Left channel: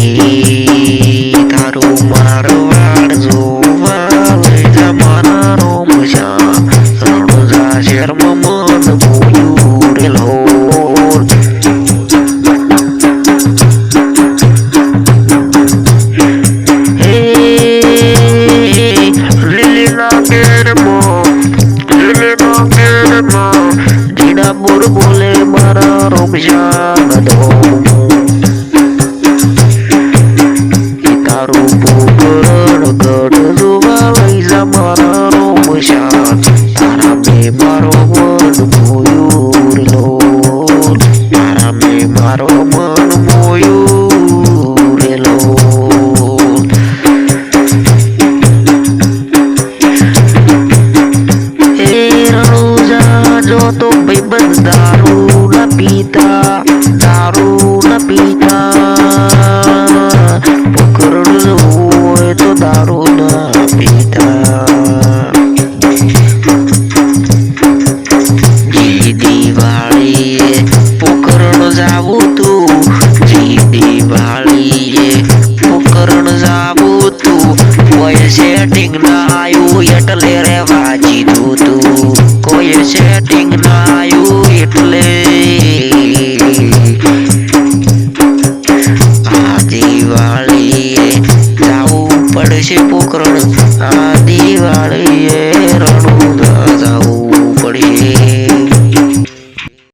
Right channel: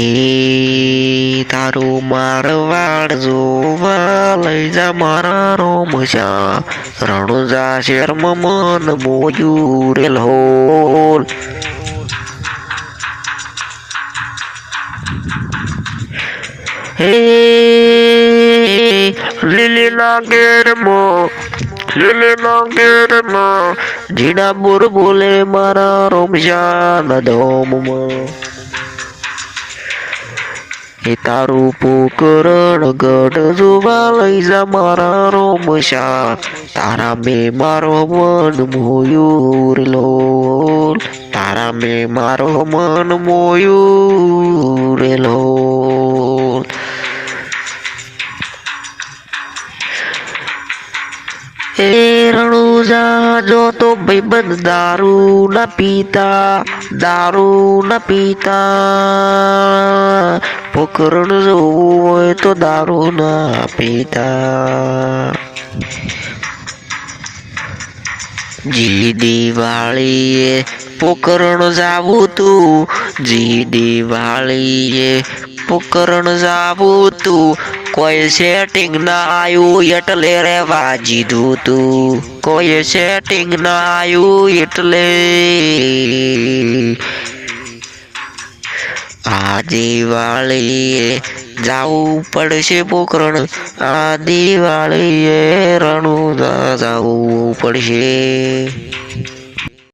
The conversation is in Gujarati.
હે તારું મારવાડ જોવા લઈ જા મારા રોમશા રણુજા શેરમાં મન બોલ્યું રે લોલ. લીલીના ઘેરમાં લીલીના ઘેરમાં જીડા બોર બોલે મારા રોમશા નદોમમાં એ તારું પોકરણ ગઢ જોવા લઈ જા મારા રોમશા તારા મે મારો મન મોયુર લો તારા મે મારો મન મોયુર લો જો તો ભાઈબંધ દારૂ ના પીતા, દારૂ ના પીતા. પોકરણ હોય તો દારૂ ના પીતા. જી દિવાળીએ પોકરણ જાવું તું. જી દિવાળીએ પોકરણ જાવું તું. કોઈ સેટિંગ ના આવ્યું એટલે રેવા જીધું તું. કોઈ સેટિંગ ના આવ્યું એટલે પડશે પોકરણ. આ દિવાળીએ રણુદા જાવું પડશે.